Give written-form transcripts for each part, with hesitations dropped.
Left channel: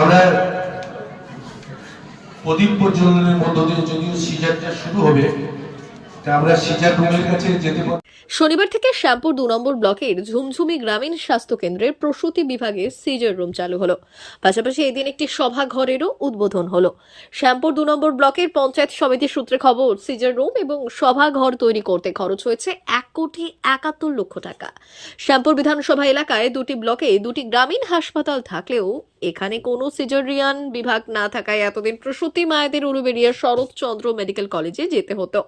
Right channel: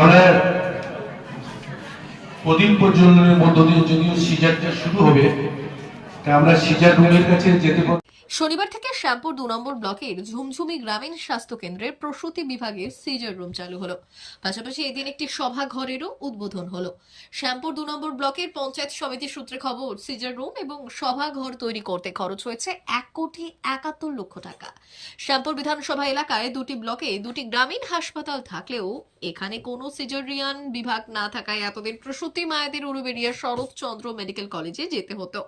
আমরা প্রদীপ প্রজ্বলনের মধ্য দিয়ে যদিও সিজারটা শুরু হবে, তা আমরা সিজার রুমের কাছে যেতে শনিবার থেকে শ্যামপুর 2 নম্বর ব্লকের ঝুমঝুমি গ্রামীণ স্বাস্থ্য কেন্দ্রের প্রসূতি বিভাগে সিজার রুম চালু হলো। পাশাপাশি এদিন একটি সভাঘরেরও উদ্বোধন হলো। শ্যামপুর 2 নম্বর ব্লকের পঞ্চায়েত সমিতির সূত্রে খবর, সিজার রুম এবং সভাঘর তৈরি করতে খরচ হয়েছে 1,71,00,000 টাকা। শ্যামপুর বিধানসভা এলাকায় 2টি ব্লকে 2টি গ্রামীণ হাসপাতাল থাকলেও এখানে কোনো সিজারিয়ান বিভাগ না থাকায় এতদিন প্রসূতি মায়েদের উলুবেড়িয়ার শরৎচন্দ্র মেডিকেল কলেজে যেতে হতো।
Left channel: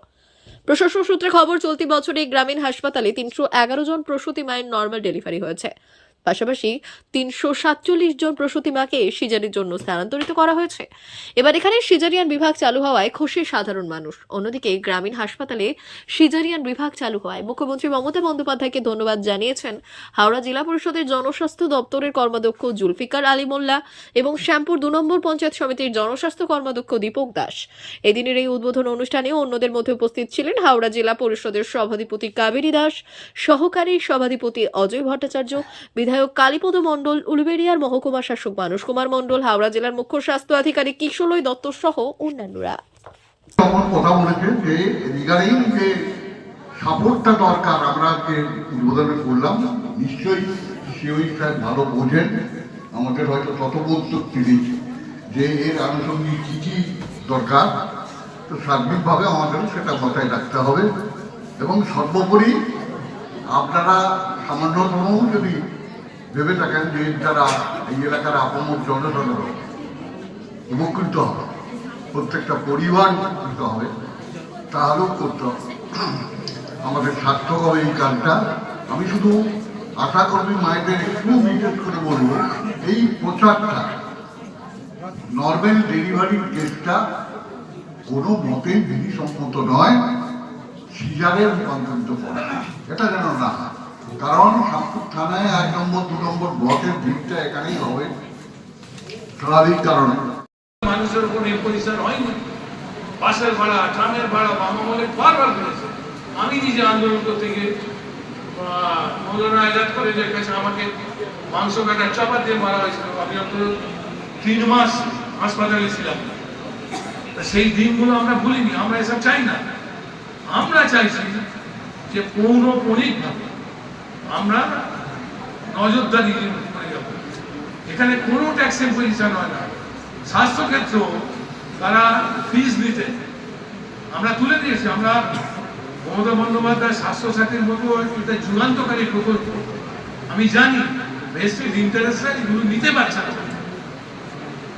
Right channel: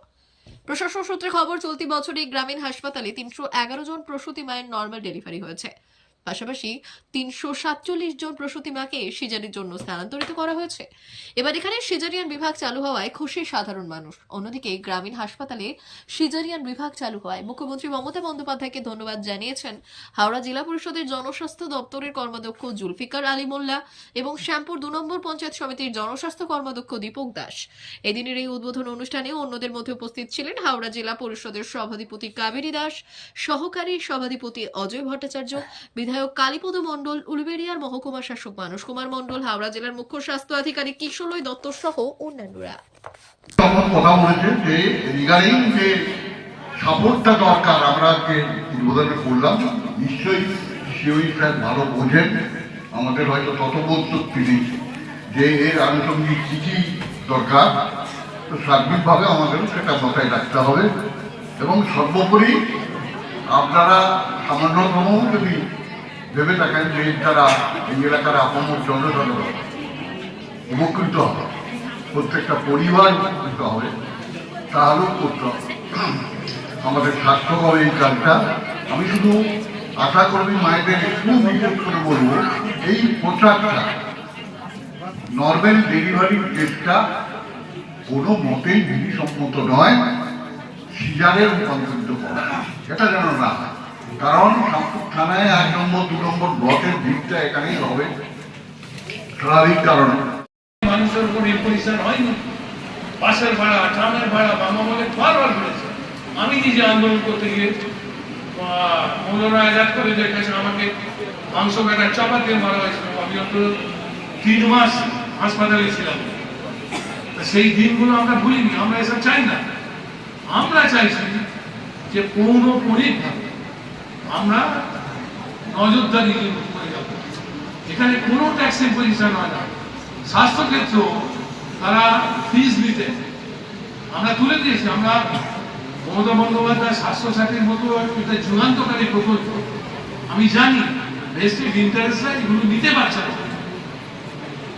প্রশাসন সূত্রে খবর, চলতি বছরে গ্রামীণ হাসপাতালে 311 জন প্রসূতি মায়ের নর্মাল ডেলিভারি হয়েছে। পাশাপাশি 347 জন প্রসূতি মাকে সিজারের জন্য স্থানান্তরিত করা হয়েছে। এবার এখানে সিজারিয়ান বিভাগ চালু হওয়ায় খুশি সাধারণ মানুষ। অন্যদিকে গ্রামীণ হাসপাতালে সিজারিয়ান বিভাগ চালু হওয়ায় মুখ্যমন্ত্রী মমতা বন্দ্যোপাধ্যায়কে ধন্যবাদ জানিয়েছেন হাওড়া জেলা পরিষদের জনস্বাস্থ্য দপ্তরের কর্মাধ্যক্ষ জুলফিকার আলী মোল্লা এবং শ্যামপুর 2 নম্বর পঞ্চায়েত সমিতির জনস্বাস্থ্য কর্মাধ্যক্ষ দীপক দাস। এদিনের এই উদ্বোধন অনুষ্ঠানে অন্যদের মধ্যে উপস্থিত ছিলেন হাওড়া জেলা পরিষদের সভাধিপতি কাবেরী দাস, সহকারী সভাধিপতি অজয় ভট্টাচার্য, বিধায়ক কালীপদ মণ্ডল, উলুবেড়িয়ার মহকুমা শাসক মানস কুমার মণ্ডল, হাওড়া জেলার মুখ্য স্বাস্থ্য আধিকারিক কিশোরলয় দত্ত সহ অন্যান্যরা। কথা বলেছেন যে রিগার্ডিং যে সাপোর্টটা দরকার, আমরা উদ্বোধন করলাম, নিশ্চয়ই সিওই স্যার ভালো বোঝেন, আমাদের হয়তো তত বোধশক্তি নেই যে এর আনুষঙ্গিক কি কি দরকার, তো সার্বিকভাবে আমাদের সেটা মাথায় রাখতে হবে। এবং সর্বোপরি আপনারা সামান্যতম যদি ভেবে থাকেন যে যারা এই এলাকার আপমর জনসাধারণ উপকৃত হবে, প্রত্যেকটা পরিবার উপকৃত হবে, তাহলেও করতে হবে। আমাদের সার্থক হবে এই কাজটা। আমি শুধু আশা কর্মী মায়েদের একটু বিশেষ করে বলবো, এই প্রচারটা নর্মাল ডেলিভারির কেসটা কোনো মতেই বিধিসম্মত নয় সিজারের রূপান্তরিত করা, এটা যেন না। কারণ শ্যামপুর থানায় 1 নম্বর 2 নম্বর ব্লকের ভিড়টা এখানেই হবে, স্বাভাবিক কারণ মানুষের উপর ইম্পোজিশন হয়নি। বাসের ভাড়া, ট্রামের ভাড়া বাংলামলে বারবার করেছে। আমি নিজে আন্দোলন করতে গিয়ে মৌলানা আজাদ করে দেখেছে আমাকে মাংস কাটা চাপা দিয়ে মারা হয়েছিল। আমি অন্তত 3 মাস হাসপাতালে ছিলাম। সেই দিনগুলো আমরা ভুলিনি, আমরা এসব চাই না। আমরা চাইছি যে পৌনঃপুনিকভাবে আমরা নজরদারি করে যাব। এখানে কোনো ট্যাক্স ইম্পোজিশন হয় না। স্বাস্থ্যক্ষেত্র তারা ফিস নিতে আমরা তুলে দিয়েছি। আমরা মমতা বন্দ্যোপাধ্যায় স্বাস্থ্যসাথীর মতো এটা যুগান্তকারী প্রকল্প। আমি জানি ভেস্টেড ইন্টারেস্টরা এগুলো নিতে পারছে না।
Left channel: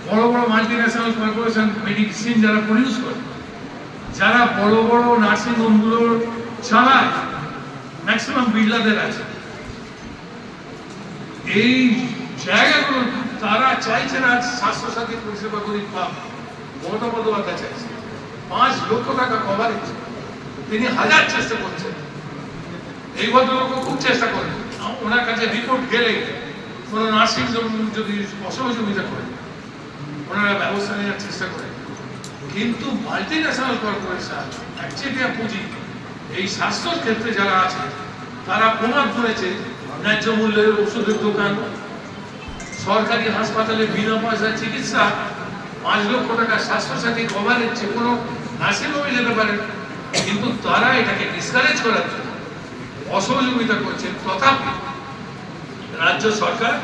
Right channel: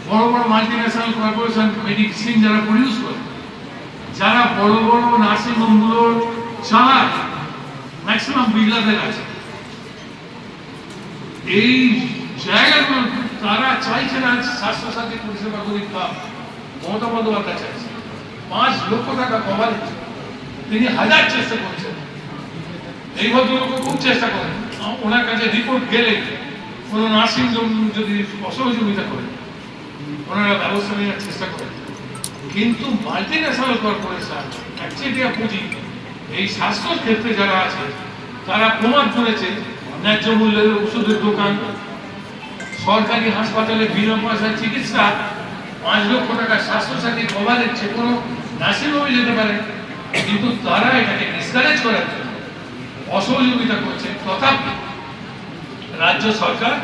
বড় বড় মাল্টিন্যাশনাল কর্পোরেশন মেডিসিন যারা প্রডিউস করে, যারা বড় বড় নার্সিং হোমগুলো চালায়, ম্যাক্সিমাম বিল্ডারদের আছে। এই জায়গাগুলো তারা চাইছে না স্বাস্থ্যসাথী পরিষেবা গরিব পাক। মমতা বন্দ্যোপাধ্যায় চাইছে 5 লক্ষ টাকা কভারেজ। তিনি হাজার চেষ্টা করছেন, এই ভদ্রলোক খুব চেষ্টা করেন। ওনার কাছে রিপোর্ট গেলে কোনো নার্সিং হোম যদি অসহযোগিতা করে ওনারা ব্যবস্থা নেওয়ার চেষ্টা করেন। কিন্তু মাল্টিন্যাশনাল কর্পোরেশন একচেটিয়া পুঁজি এই স্বাস্থ্যের ক্ষেত্রে যারা আছে তারা প্রমাণ করেছে ন্যায্য মূল্যের ওষুধের দোকান, সরকারি হাসপাতালে বিনা পয়সায় চিকিৎসা, 5 লক্ষ টাকা স্বাস্থ্যসাথী কভারেজ, যে কোনো নার্সিং হোমে যেতে পারে। কিন্তু তারা এটাকে ডিসকারেজ করার জন্য অসহযোগিতা করছেন। তথাপি রাজ্য সরকার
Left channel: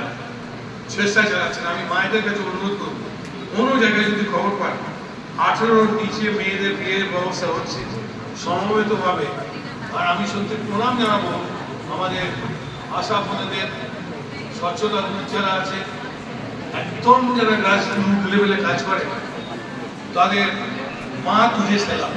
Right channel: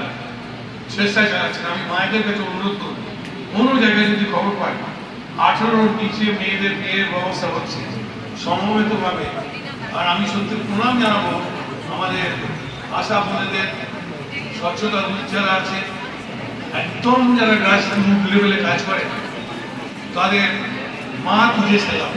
চেষ্টা চালাচ্ছেন। আমি মায়েদের কাছে অনুরোধ করব, কোনো জায়গায় যদি খবর পান 18-র নিচে মেয়েদের বিয়ের ব্যবস্থা হচ্ছে সমবেতভাবে। আর আমি সত্যি প্রণাম জানাবো আমাদের আশা বোনেদের, স্বচ্ছতা যারা আছে, একদম যারা গ্রাসরুট লেভেলে কাজ করে, তাদের মা তুলে সেলাম।